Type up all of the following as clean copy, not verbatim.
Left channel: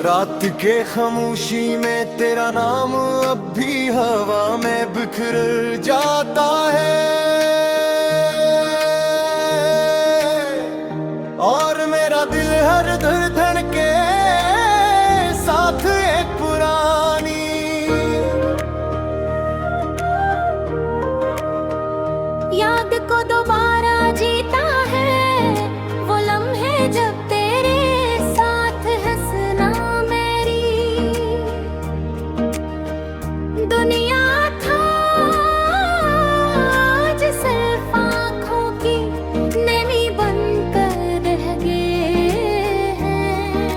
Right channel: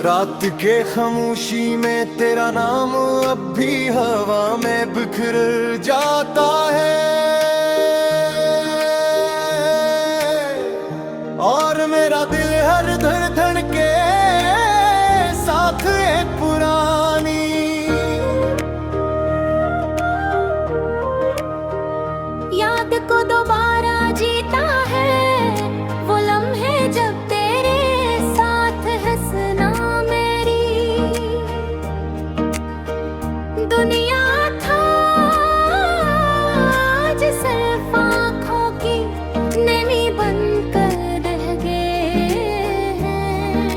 रात के खामोशी में तेरा नाम अब भी हवा में बिखर जाता है। और मेरा दिल हर धड़कन के साथ एक पुरानी याद को दोबारा जीता है। वो लम्हे जब तेरे साथ हंसना मेरी दुनिया था, आज सिर्फ आँखों की नमी बनकर रह गए हैं।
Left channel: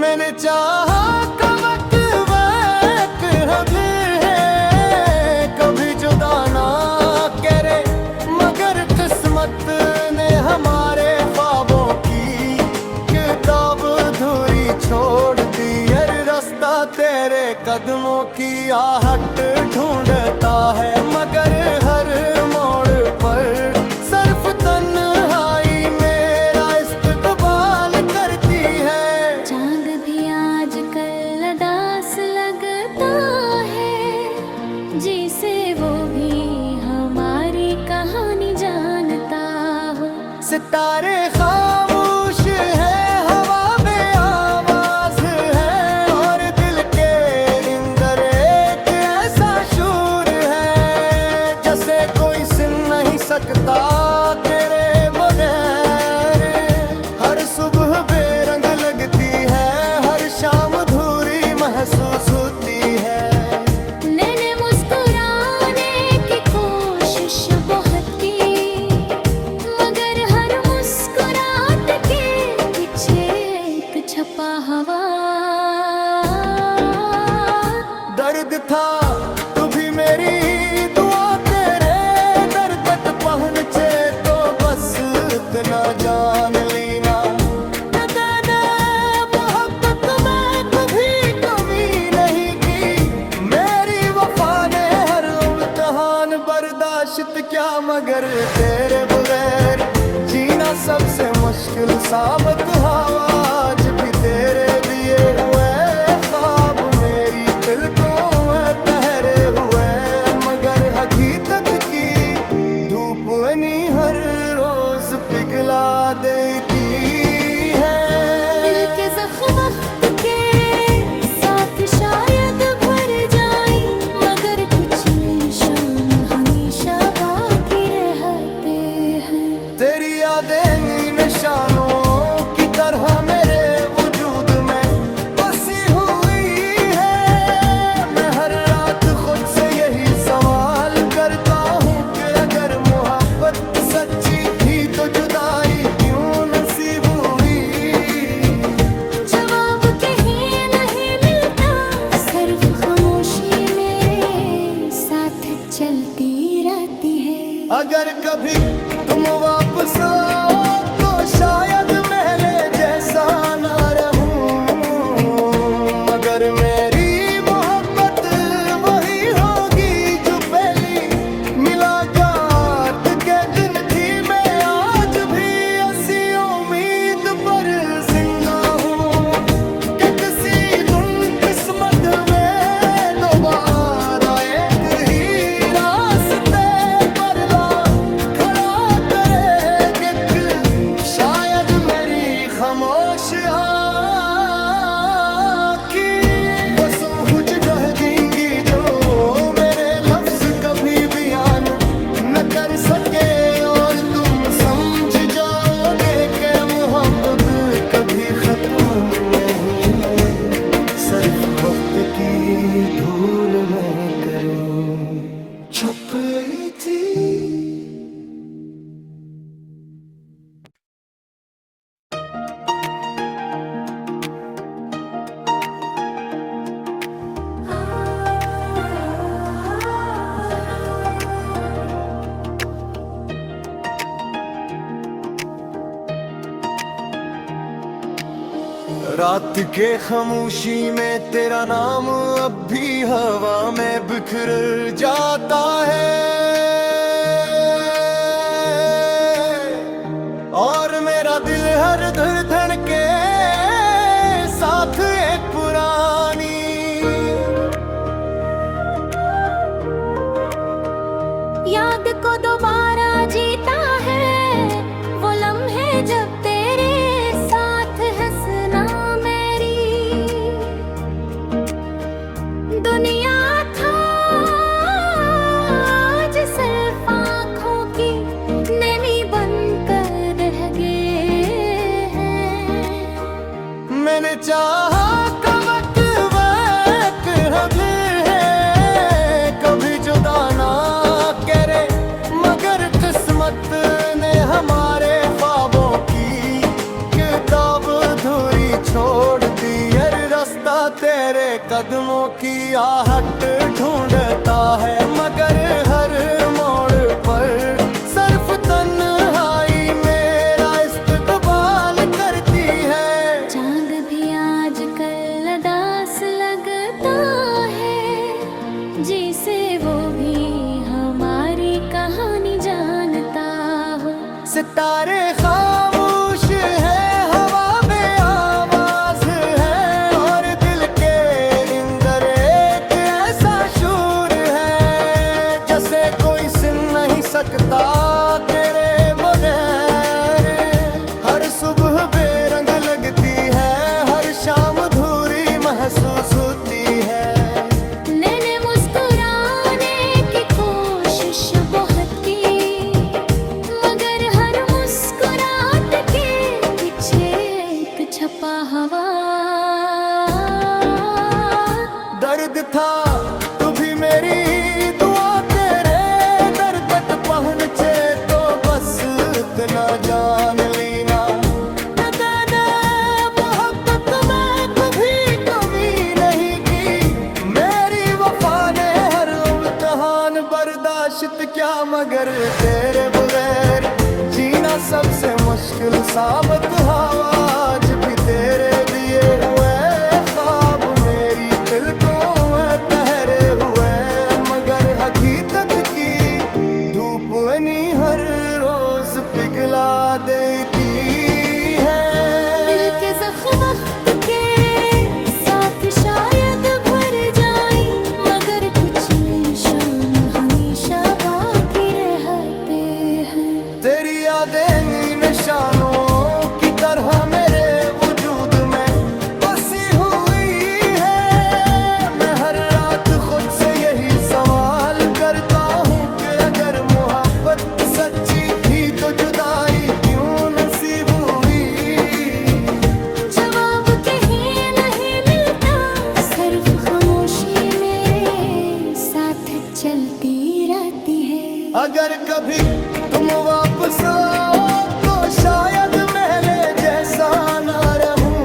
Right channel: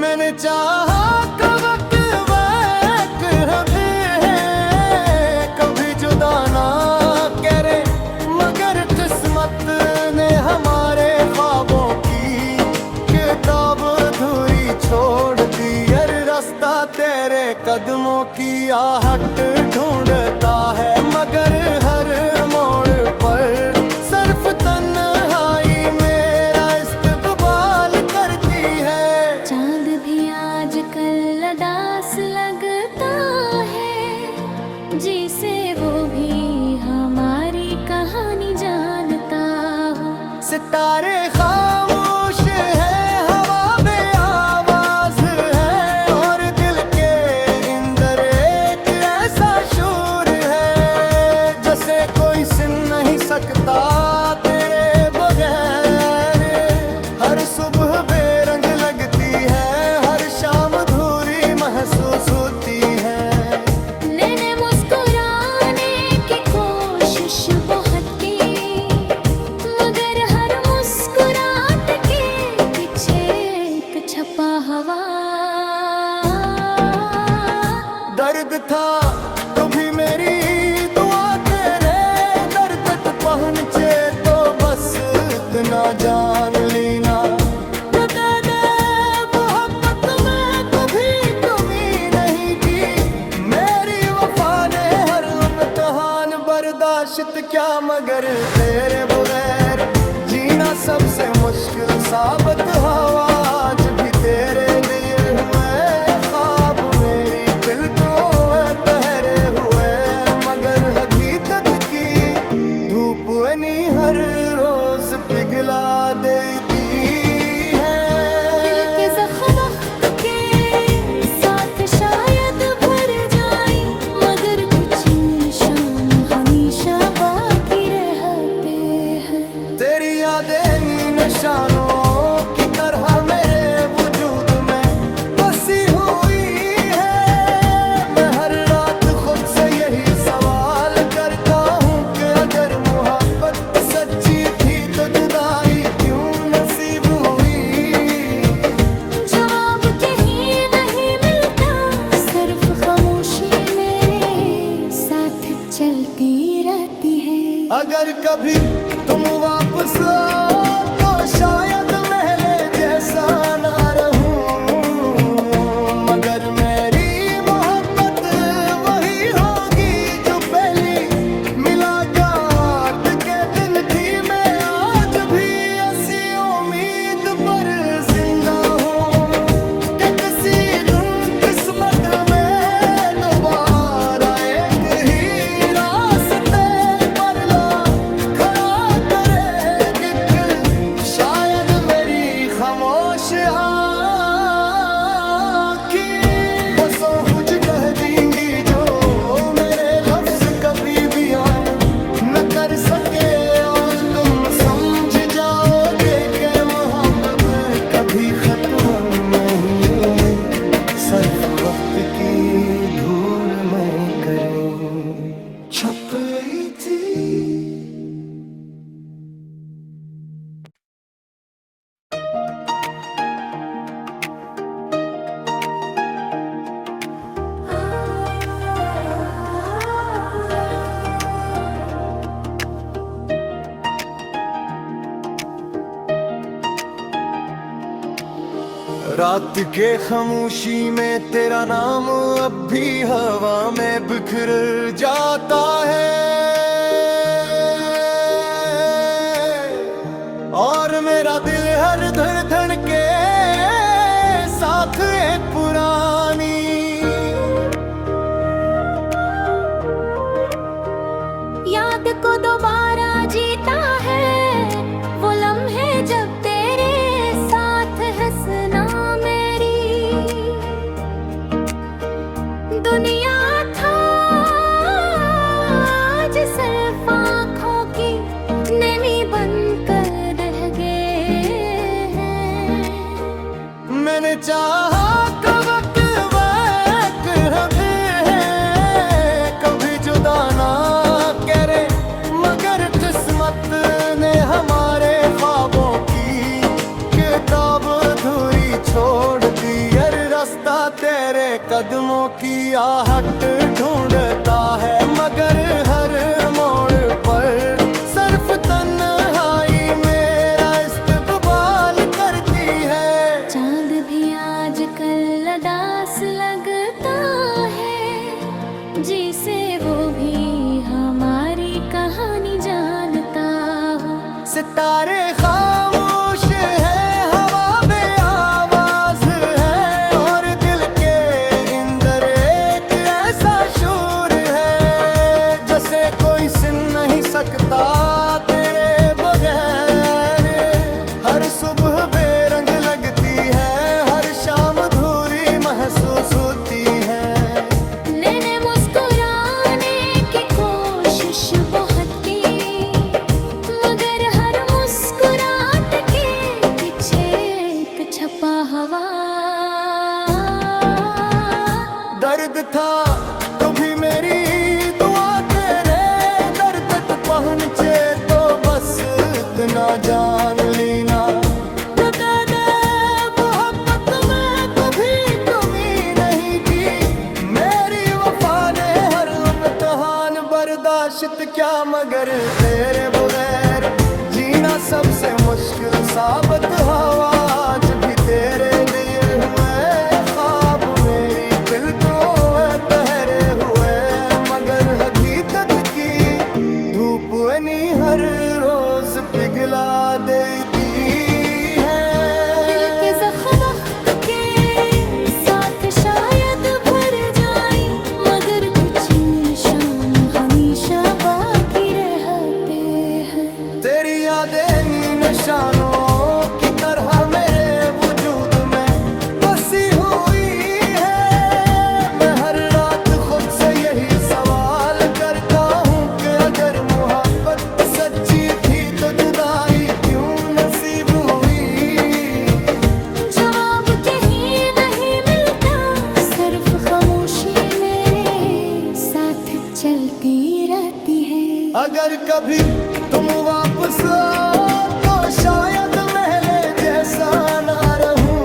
मैंने चाहा कभी जुदा ना करे, मगर किस्मत ने हमारे ख्वाबों की किताब अधूरी छोड़ दी। हर रास्ता तेरे कदमों की आहट ढूंढता है, मगर हर मोड़ पर सिर्फ तन्हाई मेरा इस्तकबाल करती है। चांद भी आजकल उदास लगता है, जिसे वो भी हमारी कहानी जानता हो। सितारे खामोश है, हवा बेआवाज है, और दिल के अंदर एक ऐसा शूर है जैसे कोई सुन नहीं सकता तेरे बगैर। हर सुबह बेरंग लगती है, हर शाम अधूरी महसूस होती है। बहुत की, मगर हर मुस्कुराहट के पीछे तो छपा हवा। दर्द था तू भी मेरी दुआ, तेरे दर तक पहुँचे तो बस इतना जान लेना। मोहब्बत में कभी कमी नहीं की, मेरी वफा ने हर इम्तिहान बर्दाश्त क्या, मगर तेरे बगैर जीना सबसे मुश्किल साबित हवा। आज भी तेरे दिए हुए ख्वाब मेरी दिल को पहरे हुए, मगर अभी तक की धूप नहीं हर रोज पिघला देती है। दिल के ज़ख्म वक्त के साथ शायद भर जाए, मगर कुछ निशान हमेशा बाकी रहते हैं। तेरी यादें निशानों की तरह मेरे वजूद में बसी हुई है। मैं हर रात खुद से यही सवाल करता हूँ कि अगर मोहब्बत सच्ची थी तो जुदाई क्यों नसीब हुई। जवाब कहीं नहीं मिलता, सिर्फ खामोशी मेरे साथ चलती रहती है। अगर कभी तुम वापस आओ तो शायद महले जैसा ना रहूं, मगर मेरी मोहब्बत वही होगी जो पहली मुलाकात के दिन थी। मैं आज भी ऐसी उम्मीद पर जिंदा हूँ कि किसी दिन किस्मत में दोबारा एक ही रास्ते पर ला खड़ा करे कि शायद मेरी खामोश आँखें वो सोच कह देंगी जो मेरे लफ्ज कभी बयान न कर सके। और तुम समझ जाओगे कि मोहब्बत कभी खत्म नहीं, सिर्फ वक्त की धूल में करें छपी थी। रात के खामोशी में तेरा नाम अब भी हवा में बिखर जाता है। और मेरा दिल हर धड़कन के साथ मैंने चाहा कवक वैक रबे है, कभी जुदा ना करे, मगर किस्मत ने हमारे ख्वाबों की किताब अधूरी छोड़ दी। हर रास्ता तेरे कदमों की आहट ढूंढता है, मगर हर मोड़ पर सिर्फ तन्हाई मेरा इस्तकबाल करती है। चांद भी आजकल उदास लगता है, जिसे वो भी हमारी कहानी जानता हो। सितारे खामोश है, हवा बेआवाज है, और दिल के अंदर एक ऐसा शूर है, जैसे कोई सुन नहीं सकता तेरे बगैर। हर सुबह बेरंग लगती है, हर शाम अधूरी महसूस होती है। मैंने मुस्कुराने की कोशिश बहुत की, मगर हर मुस्कुराहट के पीछे एक छपा हवा। दर्द था तो भी मेरी दुआ तेरे दर तक पहुँचे, तो बस इतना जान लेना कि मैंने मोहब्बत में कभी कमी नहीं की। मेरी वफा ने हर इम्तिहान बर्दाश्त क्या, मगर तेरे बगैर जीना सबसे मुश्किल साबित हुआ। आज भी तेरे दिए हुए ख्वाब मेरी पलकों में ठहरे हुए, मगर हकीकत की धूप नहीं हर रोज पिघला देती है। दिल के ज़ख्म वक्त के साथ शायद भर जाए, मगर कुछ निशान हमेशा बाकी रहते हैं। तेरी यादें नी निशानों की तरह मेरे वजूद में बसी हुई है। मैं हर रात खुद से यही सवाल करता हूँ कि अगर मोहब्बत सच्ची थी तो जुदाई क्यों नसीब हुई। जवाब कहीं नहीं मिलता, सिर्फ खामोशी मेरे साथ चलती रहती है। अगर कभी तुम वापस आओ तो शायद महले जैसा ना रहूं,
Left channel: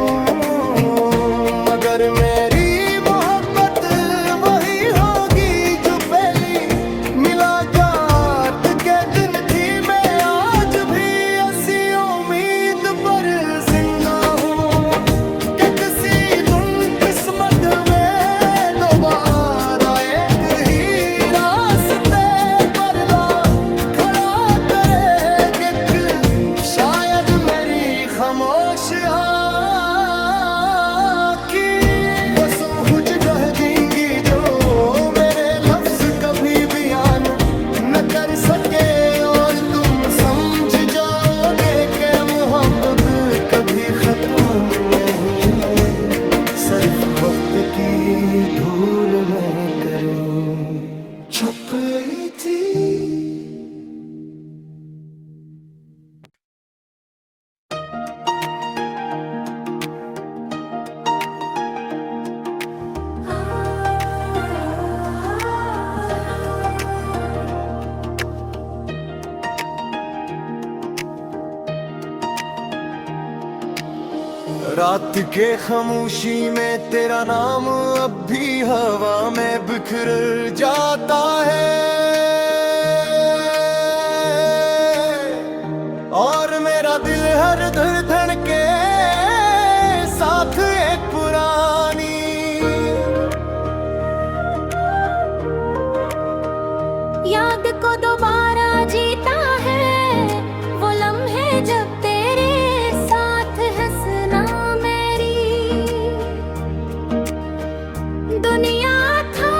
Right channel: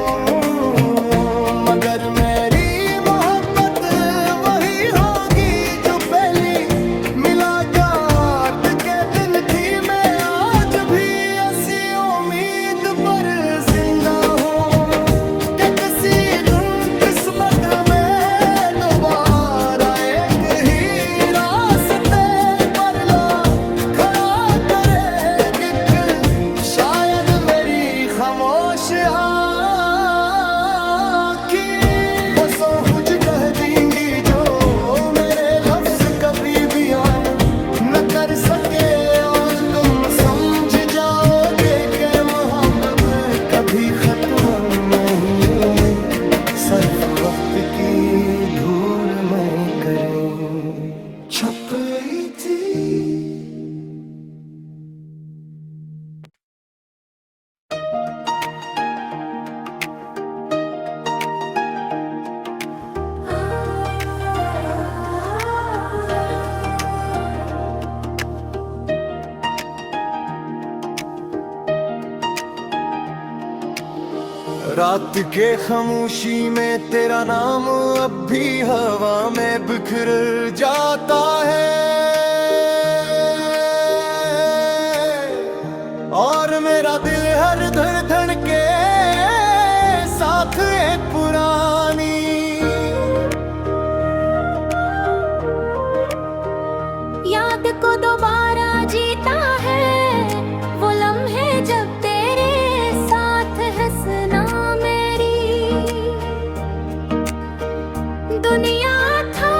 मगर मेरी मोहब्बत वही होगी जो पहली मुलाकात के दिन थी। मैं आज भी ऐसी उम्मीद पर जिंदा हूँ कि किसी दिन किस्मत में दोबारा एक ही रास्ते पर ला खड़ा करे। शायद मेरी खामोश आँखें वो सोहू जगह देंगी जो मेरे लफ्ज कभी बयान न कर सके, और तुम समझ जाओगे कि मोहब्बत कभी खत्म नहीं, सिर्फ वक्त की धूल में करें छपी थी। रात के खामोशी में तेरा नाम अब भी हवा में बिखर जाता है, और मेरा दिल हर धड़कन के साथ एक पुरानी याद को दोबारा जीता है। वो लम्हे जब तेरे साथ हंसना दुनिया था,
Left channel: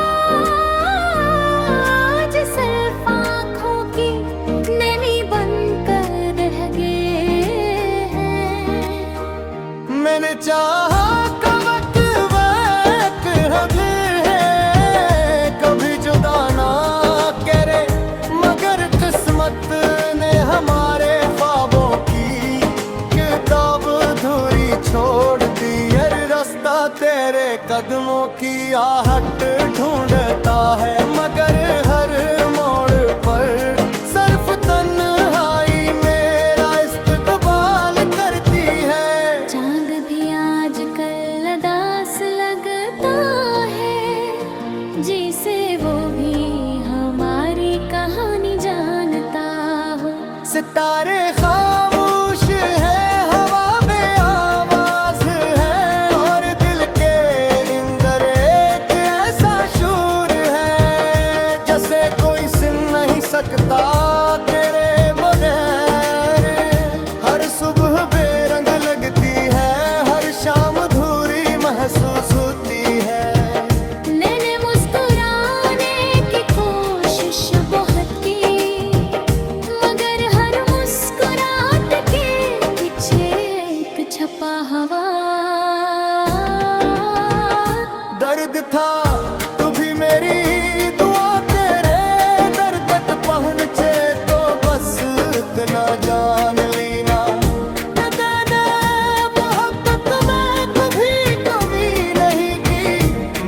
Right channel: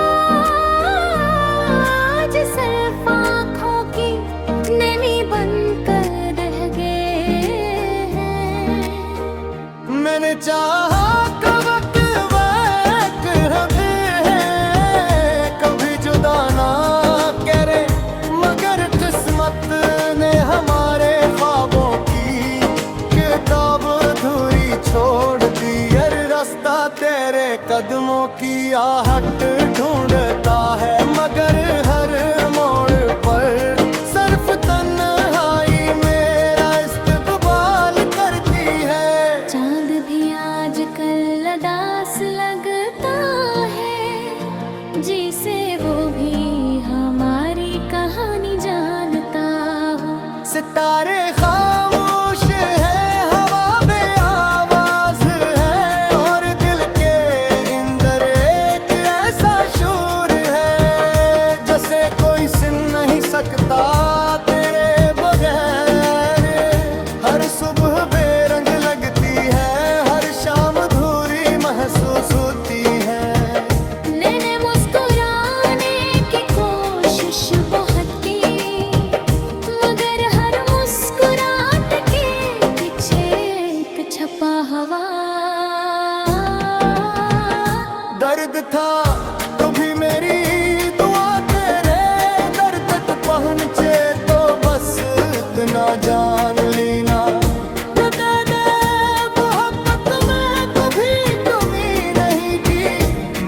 आज सिर्फ आँखों की नमी बनकर रह गए हैं। मैंने चाहा कवक वैक रबे है, कभी जुदा ना करे, मगर किस्मत ने हमारे ख्वाबों की किताब अधूरी छोड़ दी। रास्ता तेरे कदमों की आहट ढूंढता है, मगर हर मोड़ पर सिर्फ तन्हाई मेरा इस्तकबाल करती है। चांद भी आजकल उदास लगता है, जिसे वो भी हमारी कहानी जानता हो। सितारे खामोश है, हवा बेआवाज है, और दिल के अंदर एक ऐसा शूर है, जैसे कोई सुन नहीं सकता तेरे बगैर। हर सुबह बेरंग लगती है, हर शाम अधूरी महसूस होती है। मैंने मुस्कुराने की कोशिश बहुत की, मगर हर मुस्कुराहट के पीछे एक छपा हवा। दर्द था तो भी मेरी दुआ तेरे दर तक पहुंचे, तो बस इतना जान लेना मोहब्बत में कभी कमी नहीं की।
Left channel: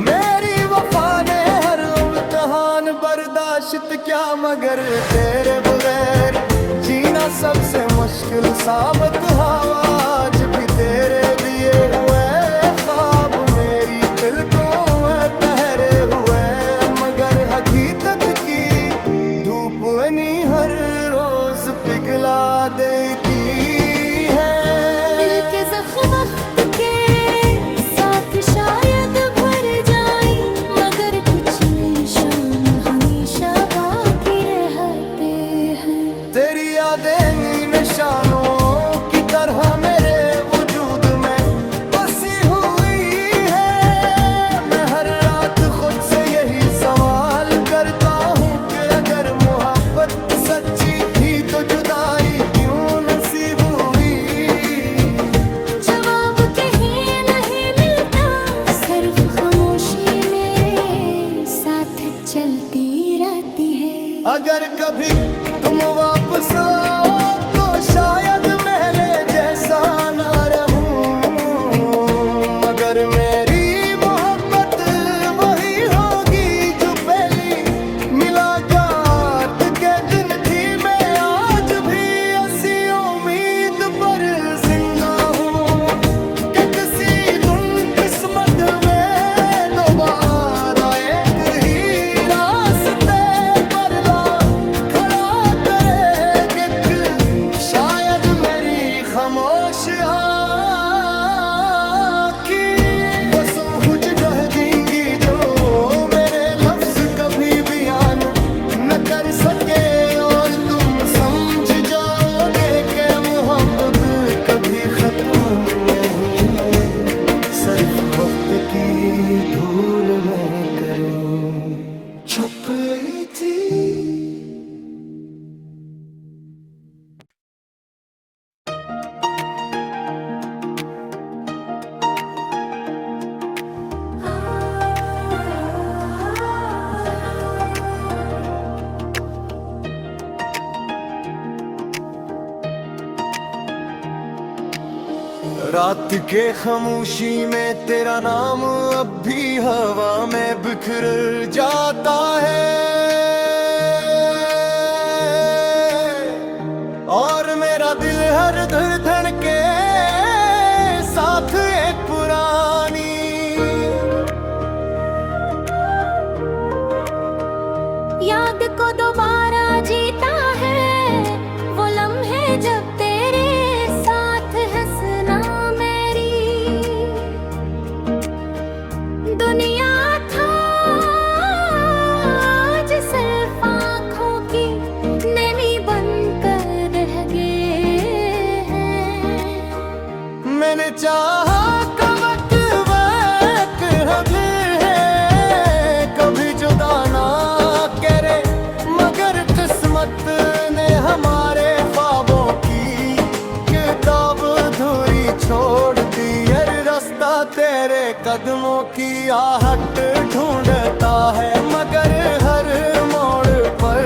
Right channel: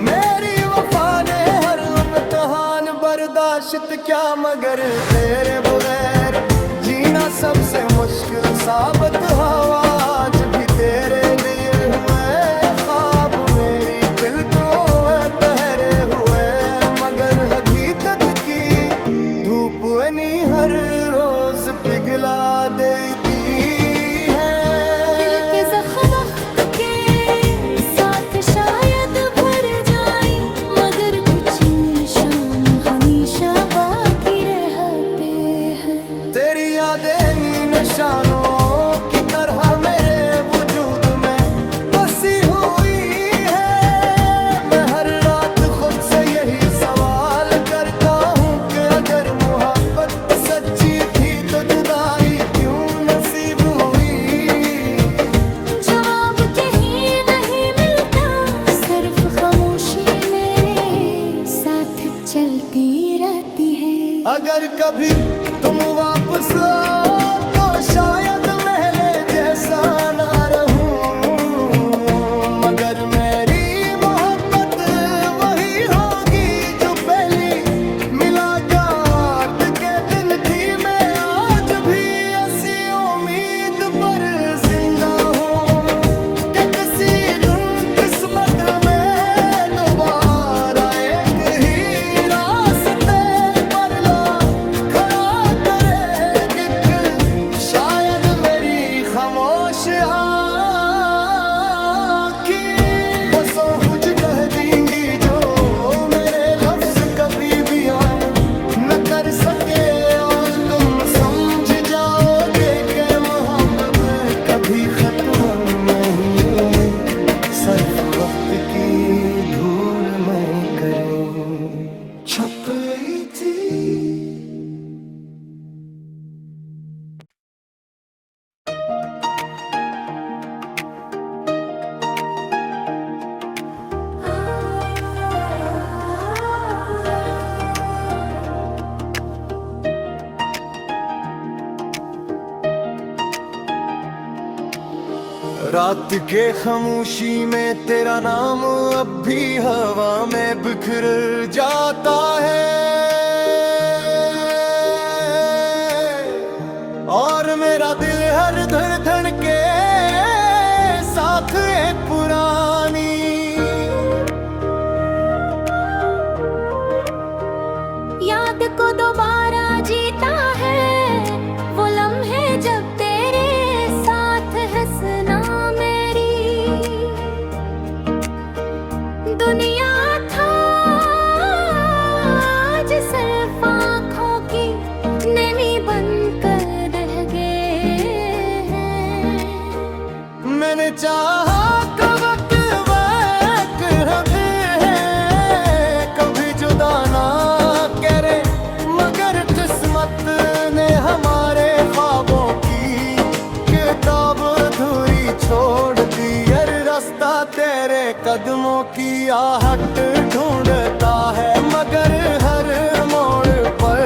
मेरी वफा ने हर इम्तिहान बर्दाश्त क्या, मगर तेरे बगैर जीना सबसे मुश्किल साबित हुआ। आज भी तेरे दिए हुए ख्वाब मेरी पलकों में ठहरे हुए, मगर हकीकत की धूप नहीं हर रोज पिघला देती है। दिल के जख्म वक्त के साथ शायद भर जाए, मगर कुछ निशान हमेशा बाकी रहते हैं। तेरी यादें निशानों की तरह मेरे वजूद में बसी हुई है। मैं हर रात खुद से यही सवाल करता हूँ कि अगर मोहब्बत सच्ची थी तो जुदाई क्यों नसीब हुई। जवाब कहीं नहीं मिलता, सिर्फ खामोशी मेरे साथ चलती रहती है। अगर कभी तुम वापस आओ तो शायद महले जैसा ना रहूं, मगर मेरी मोहब्बत वही होगी जो पहली मुलाकात के दिन थी। मैं आज भी ऐसी उम्मीद पर जिंदा हूँ कि किसी दिन किस्मत में दोबारा एक ही रास्ते पर ला खड़ा करे। शायद मेरी खामोश आँखें वो सोच कह देंगी जो मेरे लफ्ज कभी बयान न कर सके, और तुम समझ जाओगे कि मोहब्बत कभी खत्म नहीं, सिर्फ वक्त की धूल में करें छपी थी। रात के खामोशी में तेरा नाम अब भी हवा में बिखर जाता है, और मेरा दिल हर धड़कन के साथ एक पुरानी याद को दोबारा जीता है। वो लम्हे जब तेरे साथ हंसना मेरी दुनिया था, आज सिर्फ आँखों की नमी बनकर रह गए हैं। मैंने चाहा कवक वक रहे हैं, कभी जुदा ना करे, मगर किस्मत ने हमारे ख्वाबों की किताब अधूरी छोड़ दी। हर रास्ता तेरे कदमों की आहट ढूंढता है, मगर हर मोड़ पर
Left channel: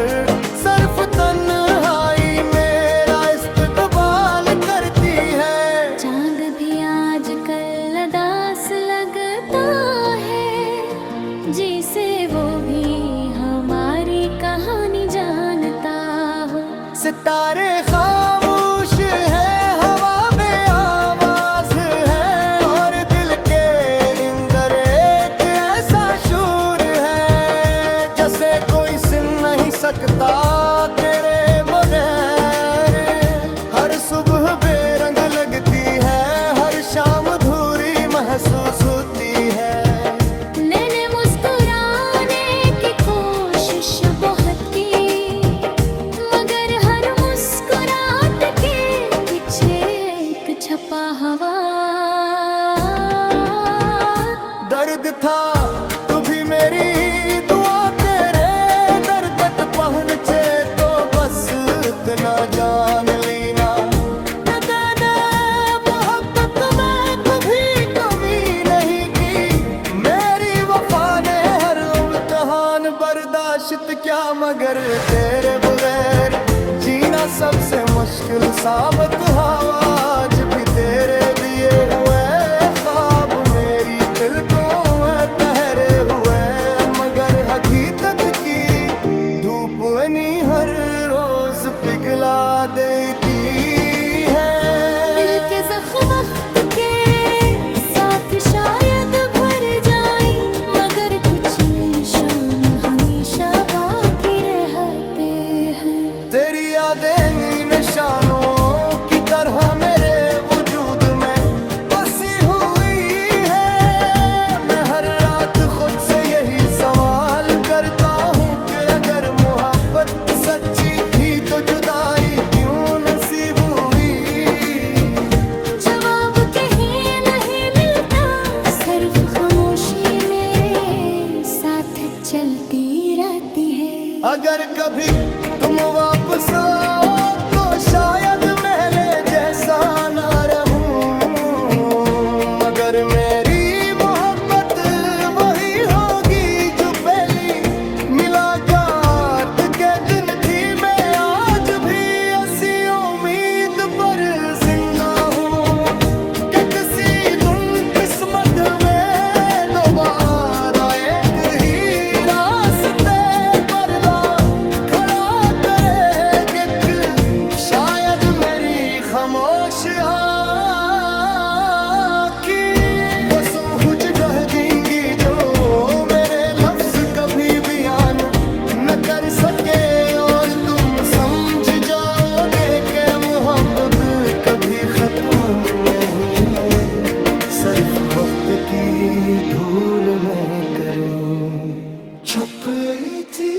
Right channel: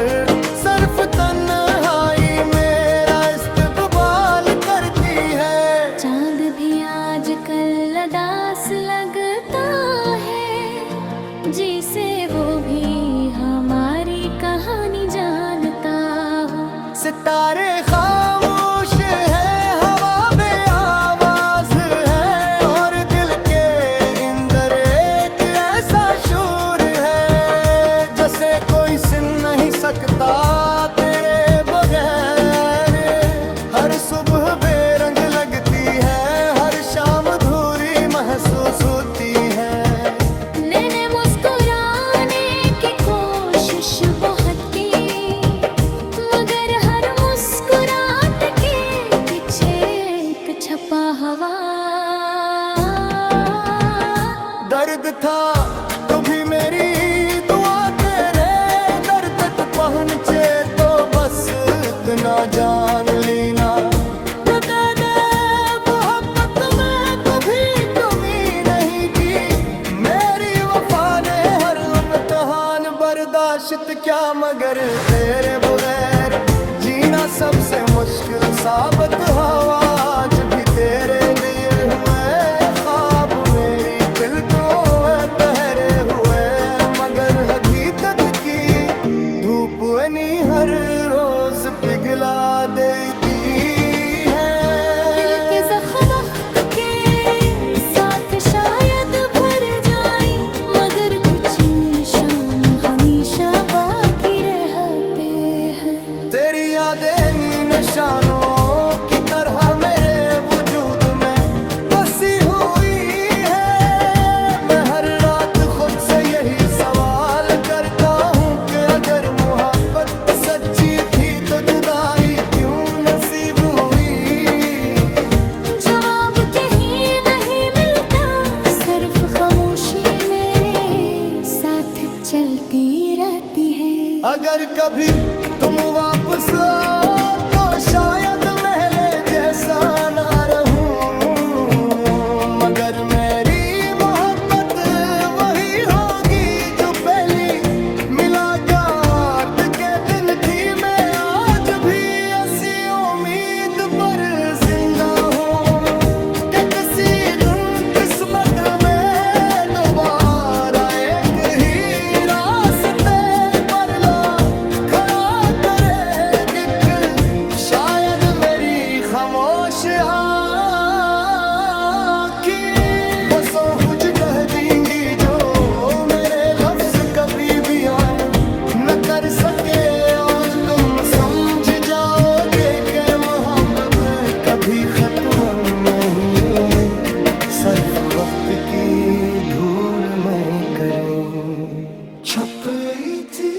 सिर्फ तन्हाई मेरा इस्तकबाल करती है। चांद भी आजकल उदास लगता है, जिसे वो भी हमारी कहानी जानता हो। सितारे खामोश है, हवा बेआवाज है, और दिल के अंदर एक ऐसा शूर है, जैसे कोई सुन नहीं सकता तेरे बगैर। हर सुबह बेरंग लगती है, हर शाम अधूरी महसूस होती है। मैंने मुस्कुराने की कोशिश बहुत की, मगर हर मुस्कुराहट के पीछे एक छपा हवा। दर्द था तू भी मेरी दुआ, तेरे दर्द तक पहुंचे तो बस इतना जान लेना। तेरे मोहब्बत में कभी कमी नहीं की, मेरी वफा ने हर इम्तिहान बर्दाश्त क्या, मगर तेरे बगैर जीना सबसे मुश्किल साबित हुआ। आज भी तेरे दिए हुए ख्वाब मेरी पलकों में ठहरे हुए, मगर हकीकत की धूप नहीं हर रोज पिघला देती है। दिल के जख्म वक्त के साथ शायद भर जाए, मगर कुछ निशान हमेशा बाकी रहते हैं। तेरी यादें निशानों की तरह मेरे वजूद में बसी हुई है। मैं हर रात खुद से यही सवाल करता हूँ कि अगर मोहब्बत सच्ची थी तो जुदाई क्यों नसीब हुई। जवाब कहीं नहीं मिलता, सिर्फ खामोशी मेरे साथ चलती रहती है। अगर कभी तुम वापस आओ तो शायद महले जैसा ना रहूं, मगर मेरी मोहब्बत वही होगी जो पहली मुलाकात के दिन थी। मैं आज भी ऐसी उम्मीद पर जिंदा हूँ कि किसी दिन किस्मत में दोबारा एक ही रास्ते पर ला खड़ा करे कि शायद मेरी खामोश आँखें वो सोच कह देंगी जो मेरे लफ्ज कभी बयान न कर सके, और तुम समझ जाओगे कि मोहब्बत कभी खत्म नहीं, सिर्फ वक्त की धूल में करें छप थी।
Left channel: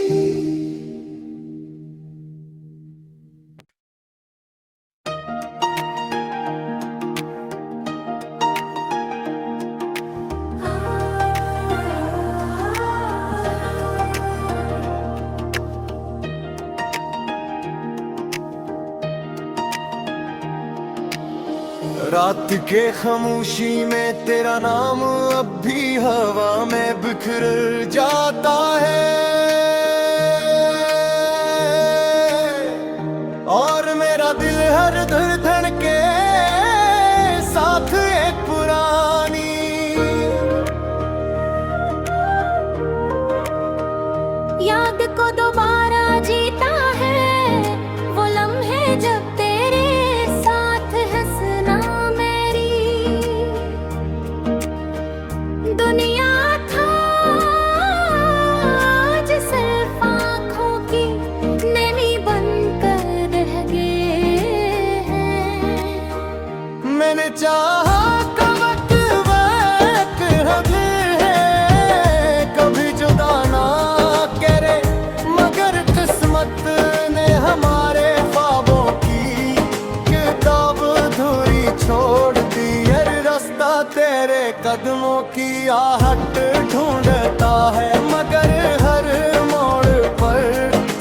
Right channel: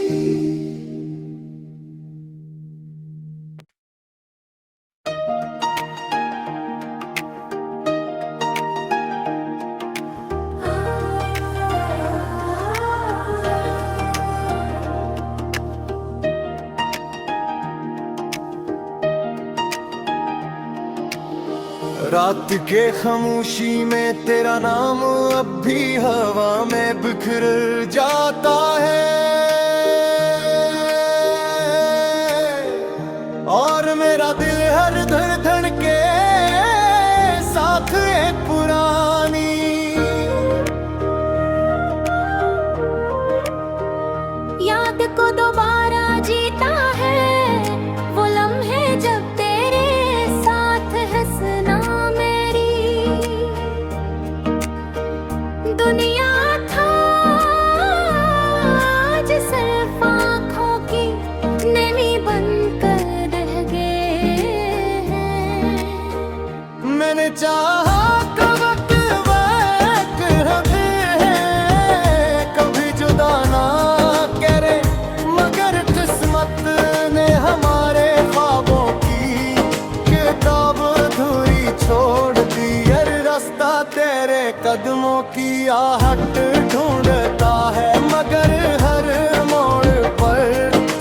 रात के खामोशी में तेरा नाम अब भी हवा में बिखर जाता है, और मेरा दिल हर धड़कन के साथ एक पुरानी याद को दोबारा जीता है, वो लम्हे जब तेरे साथ हंसना मेरी दुनिया था। आज सिर्फ आँखों की नमी बनकर रह गए हैं। मैंने चाहा कवक वक हबे है, कभी जुदा ना करे, मगर किस्मत ने हमारे ख्वाबों की किताब अधूरी छोड़ दी। हर रास्ता तेरे कदमों की आहट ढूंढता है, मगर हर मोड़ पर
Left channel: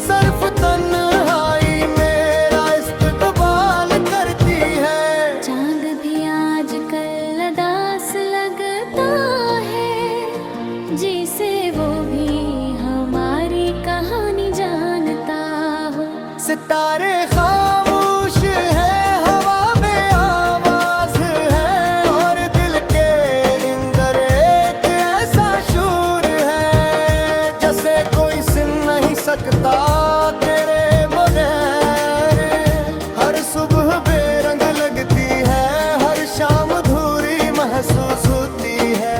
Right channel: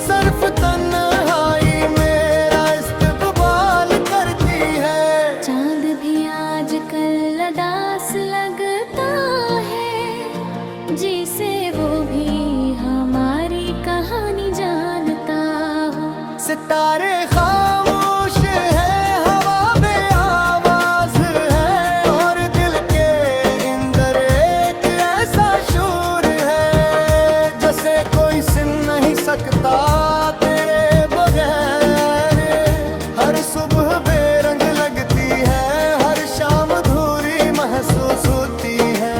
सिर्फ तन्हाई मेरा इस्तकबाल करती है। चांद भी आजकल उदास लगता है, जिसे वो भी हमारी कहानी जानता हो। सितारे खामोश है, हवा बेआवाज है, महसूस होती है।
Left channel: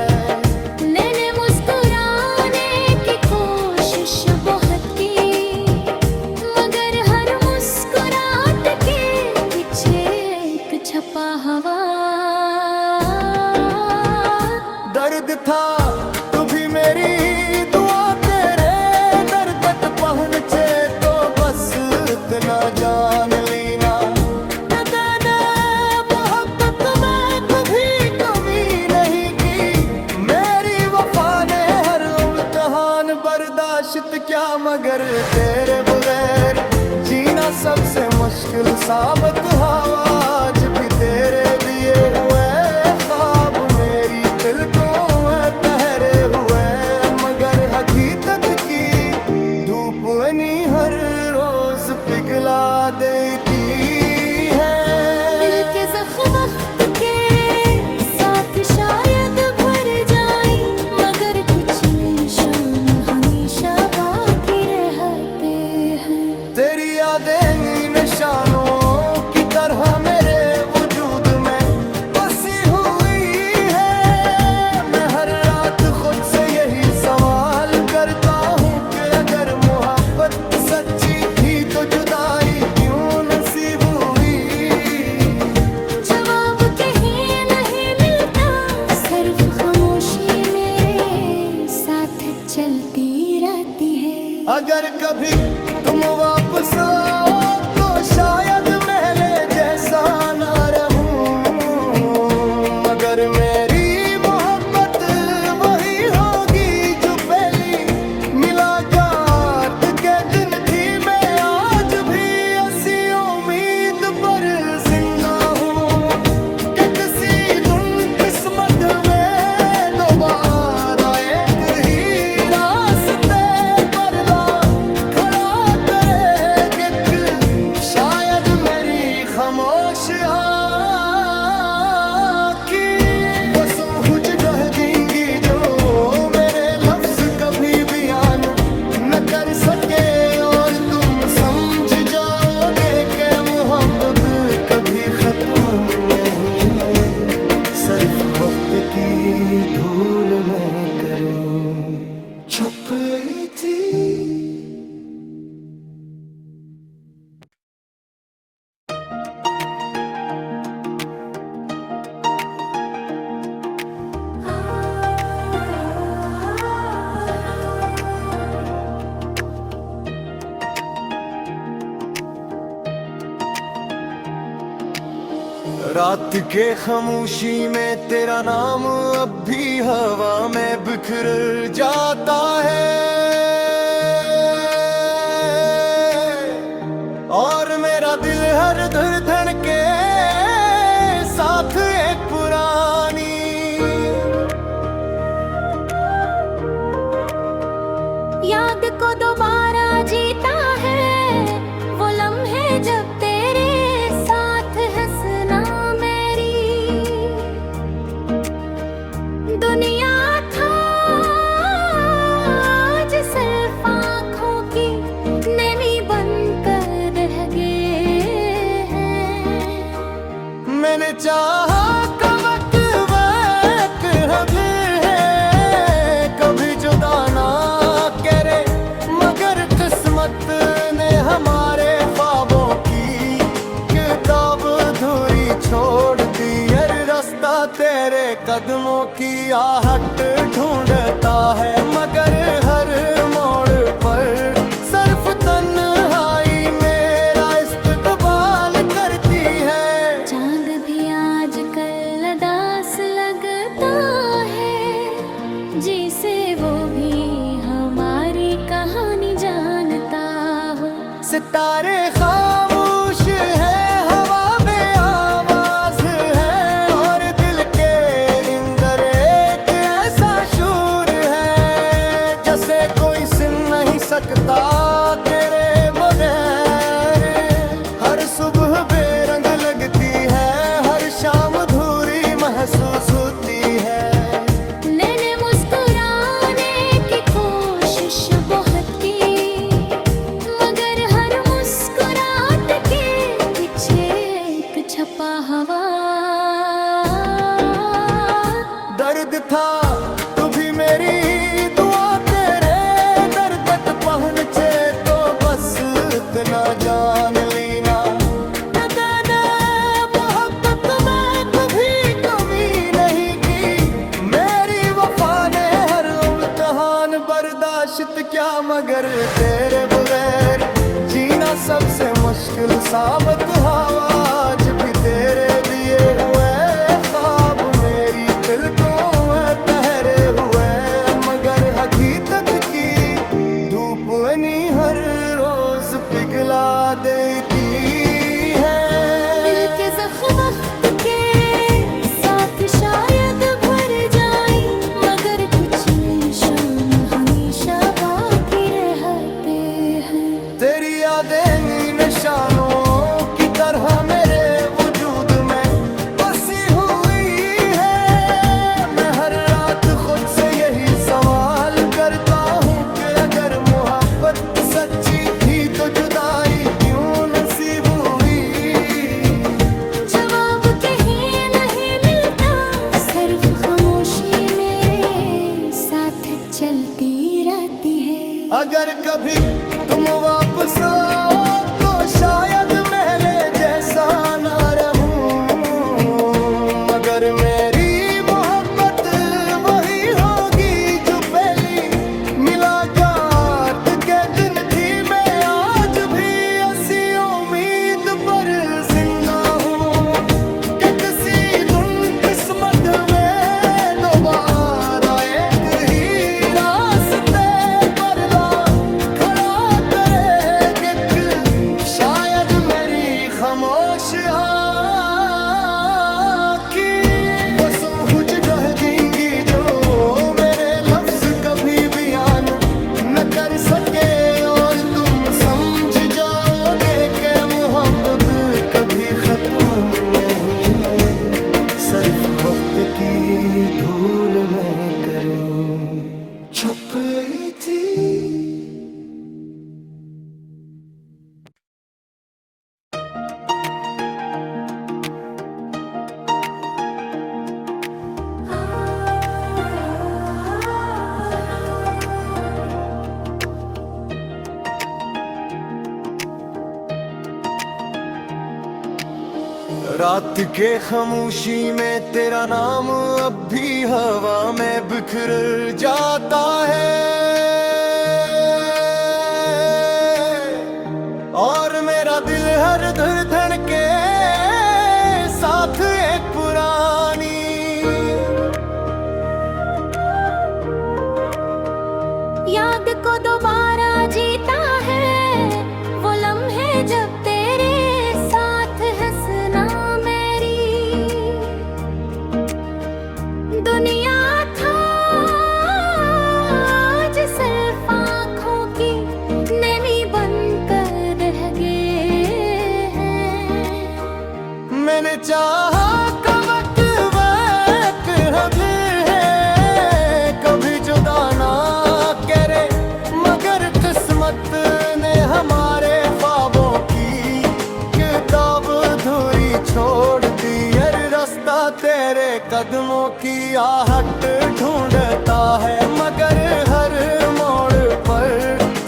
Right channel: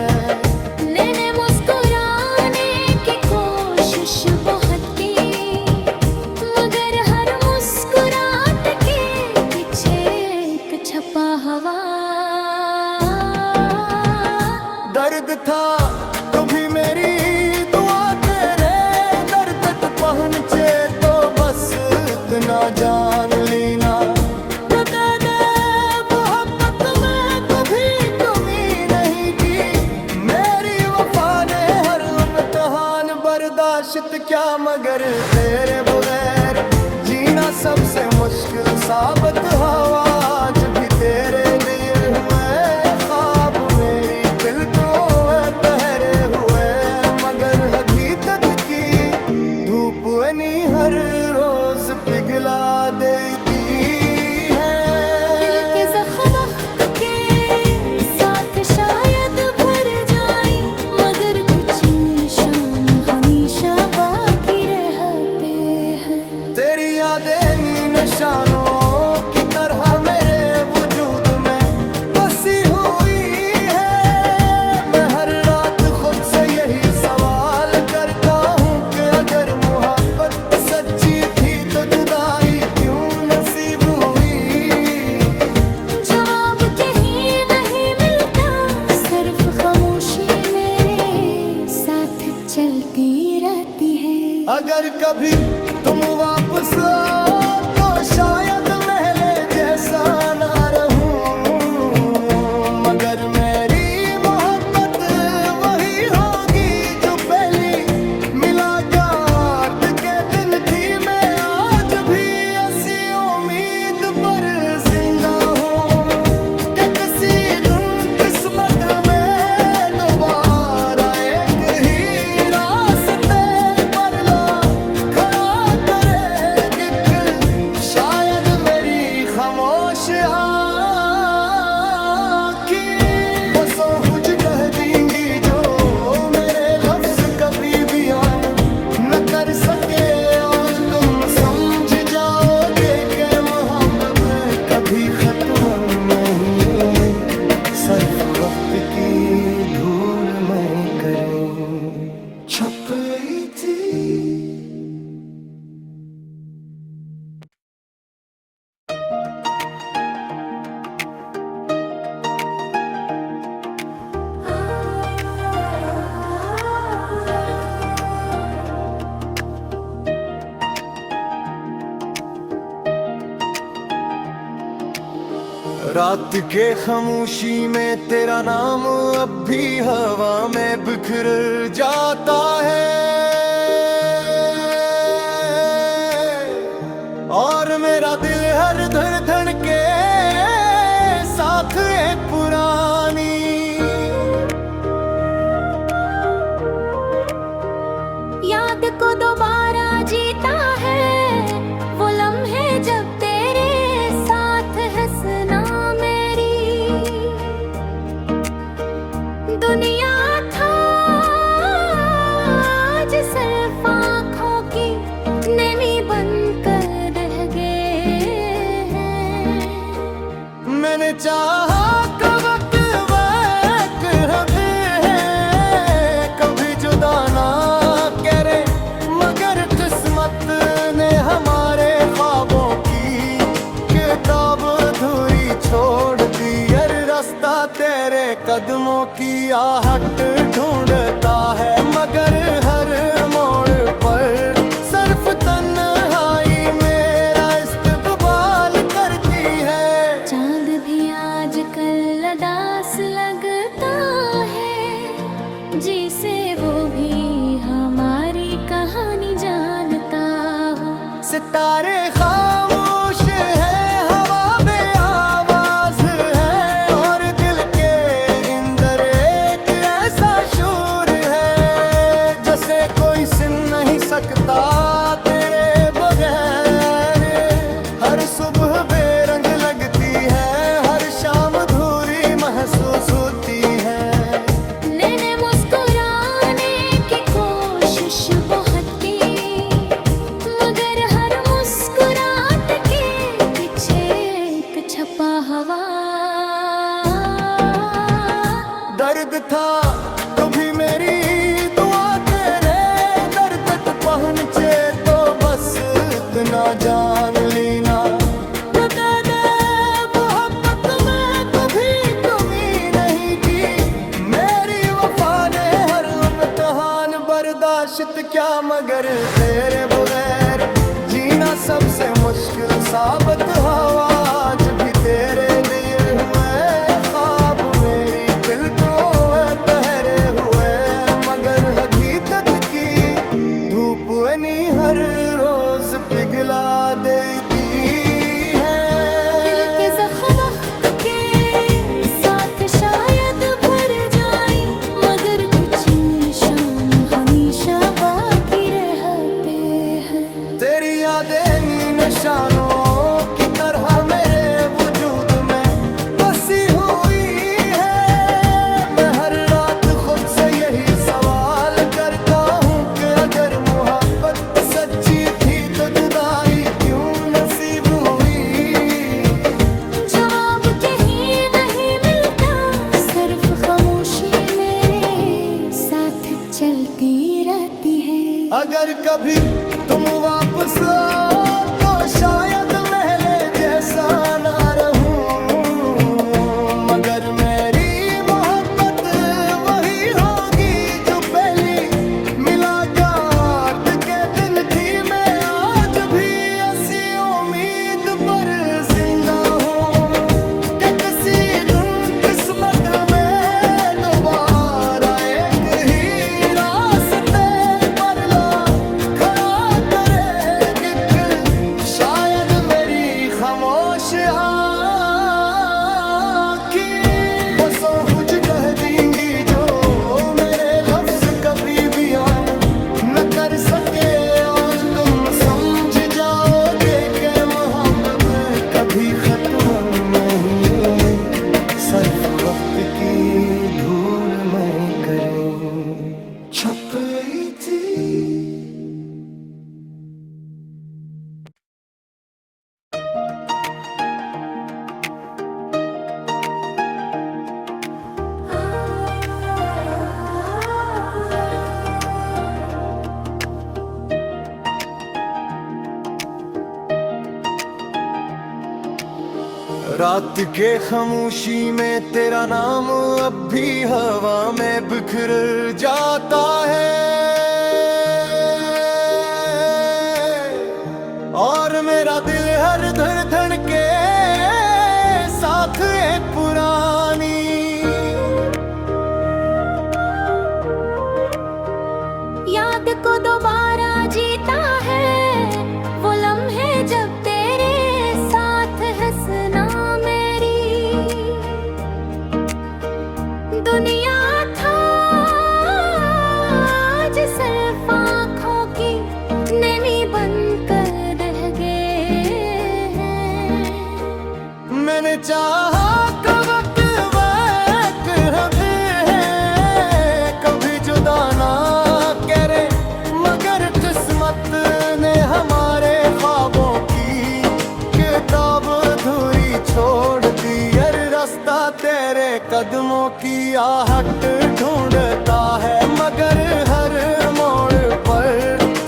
मैंने मुस्कुराने की कोशिश बहुत की, मगर हर मुस्कुराहट के पीछे एक छपा हवा। दर्द था तू भी मेरी दुआ, तेरे दर्द तक पहुंचे तो बस इतना जान लेना। तेरे मोहब्बत में कभी कमी नहीं की, मेरी वफा ने हर इम्तिहान बर्दाश्त क्या, मगर तेरे बगैर जीना सबसे मुश्किल साबित हुआ। आज भी तेरे दिए हुए ख्वाब मेरी पलकों में ठहरे हुए, मगर अभी तक की धूप नहीं हर रोज पिघला देती है। दिल के ज़ख्म वक्त के साथ शायद भर जाए, मगर कुछ निशान हमेशा बाकी रहते हैं। तेरी यादें निशानों की तरह मेरे वजूद में बसी हुई है। मैं हर रात खुद से यही सवाल करता हूँ कि अगर मोहब्बत सच्ची थी तो जुदाई क्यों नसीब हुई। जवाब कहीं नहीं मिलता, सिर्फ खामोशी मेरे साथ चलती रहती है। अगर कभी तुम वापस आओ तो शायद महले जैसा ना रहूं, मगर मेरी मोहब्बत वही होगी जो पहली मुलाकात के दिन थी। मैं आज भी ऐसी उम्मीद पर जिंदा हूँ कि किसी दिन किस्मत में दोबारा एक ही रास्ते पर ला खड़ा करे। शायद मेरी खामोश आँखें वो सोच कह देंगी जो मेरे लफ्ज कभी बयान न कर सके, और तुम समझ जाओगे कि मोहब्बत कभी खत्म नहीं, सिर्फ वक्त की धूल में करें छपी थी। रात के खामोशी में तेरा नाम अब भी हवा में बिखर जाता है, और मेरा दिल हर धड़कन के साथ एक पुरानी याद को दोबारा जीता है, वो लम्हे जब तेरे साथ हंसना मेरी दुनिया था। आज सिर्फ आँखों की नमी बनकर रह गए हैं। मैंने चाहा कवक वक हमें है कभी जुदा ना करे, मगर किस्मत ने हमारे ख्वाबों की किताब अधूरी छोड़ दी। हर रास्ता तेरे कदमों की आहट ढूंढता है, मगर हर मोड़ पर सिर्फ तन्हाई मेरा इस्तकबाल करती है। चांद भी आजकल उदास लगता है, जिसे वो भी हमारी कहानी जानता हो। सितारे खामोश है, हवा बेआवाज है, और दिल के अंदर एक ऐसा शूर है जैसे कोई सुन नहीं सकता तेरे बगैर। हर सुबह बेरंग लगती है, हर शाम अधूरी महसूस होती है। मैंने मुस्कुराने की कोशिश बहुत की, मगर हर मुस्कुराहट के पीछे एक छपा हवा। दर्द था तो भी मेरी दुआ तेरे दर तक पहुँचे तो बस इतना जान लेना मोहब्बत में कभी कमी नहीं की मेरी वफा ने हर इम्तिहान बर्दाश्त क्या मगर तेरे बगैर जीना सबसे मुश्किल साबित हवा आज भी तेरे दिए हुए ख्वाब मेरी दिल को पहरे हुए मगर हकीकत की धूप नहीं हर रोज पिघला देती है दिल के ज़ख्म वक्त के साथ शायद भर जाए मगर कुछ निशान हमेशा बाकी रहते हैं तेरी यादें निशानों की तरह मेरे वजूद में बसी हुई है मैं हर रात खुद से यही सवाल करता हूँ कि अगर मोहब्बत सच्ची थी तो जुदाई क्यों नसीब हुई जवाब कहीं नहीं मिलता सिर्फ खामोशी मेरे साथ चलती रहती है अगर कभी तुम वापस आओ तो शायद महले जैसा ना रहूं मगर मेरी मोहब्बत वही होगी जो पहली मुलाकात के दिन थी मैं आज भी ऐसी उम्मीद पर जिंदा हूँ कि किसी दिन किस्मत में दोबारा एक ही रास्ते पर ला खड़ा करे कि शायद मेरी खामोश आँखें वो सौंह जगह देंगी जो मेरे लफ्ज कभी बयान न कर सके और तुम समझ जाओगे कि मोहब्बत कभी खत्म नहीं सिर्फ वक्त की धूल में करें छपली थी रात के खामोशी में तेरा नाम अब भी हवा में बिखर जाता है और मेरा दिल हर धड़कन के साथ एक पुरानी याद को दोबारा जीता है वो लम्हे जब तेरे साथ हंसना मेरी दुनिया था आज सिर्फ आँखों की नमी बनकर रह गए हैं मैंने चाहा कवक वक्त हबे है कभी जुदा ना करे मगर किस्मत ने हमारे ख्वाबों की किताब अधूरी छोड़ दी हर रास्ता तेरे कदमों की आहट ढूंढता है मगर हर मोड़ पर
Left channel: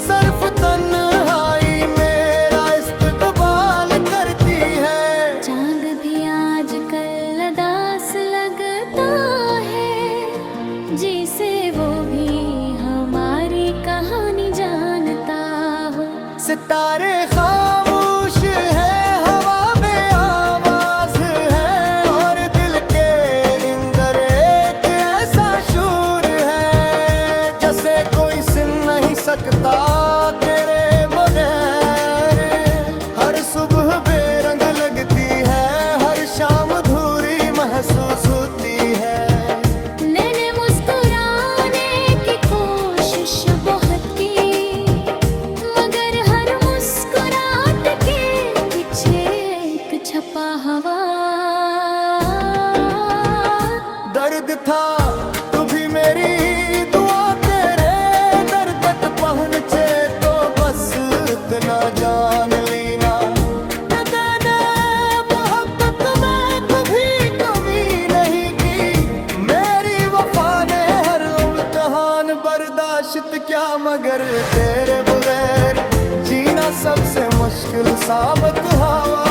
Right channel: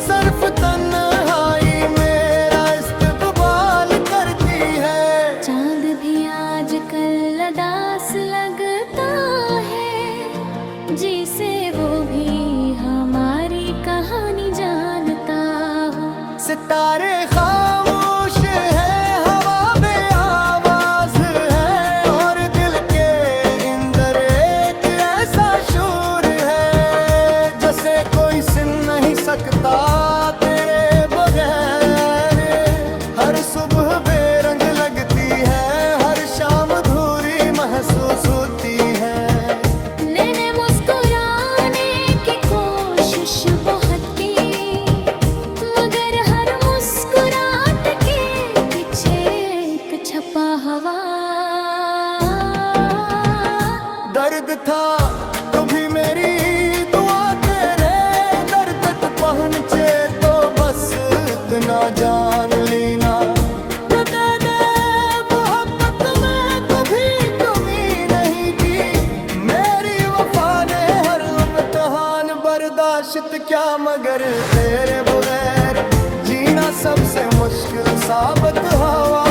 सिर्फ तन्हाई मेरा इस्तकबाल करती है चांद भी आजकल उदास लगता है जिसे वो भी हमारी कहानी जानता हो सितारे खामोश है हवा में आवाज है और दिल के अंदर एक ऐसा शूर है जैसे कोई सुन नहीं सकता तेरे बगैर हर सुबह बेरंग लगती है हर शाम धूरी महसूस होती है मैंने मुस्कुराने की कोशिश बहुत की मगर हर मुस्कुराहट के पीछे तो छपा हवा दर्द था तो भी मेरी दुआ तेरे दर तक पहुँचे तो बस इतना जान लेना मोहब्बत में कभी कमी नहीं की मेरी बर्दाश्त क्या मगर तेरे बगैर जीना सबसे मुश्किल साबित हवा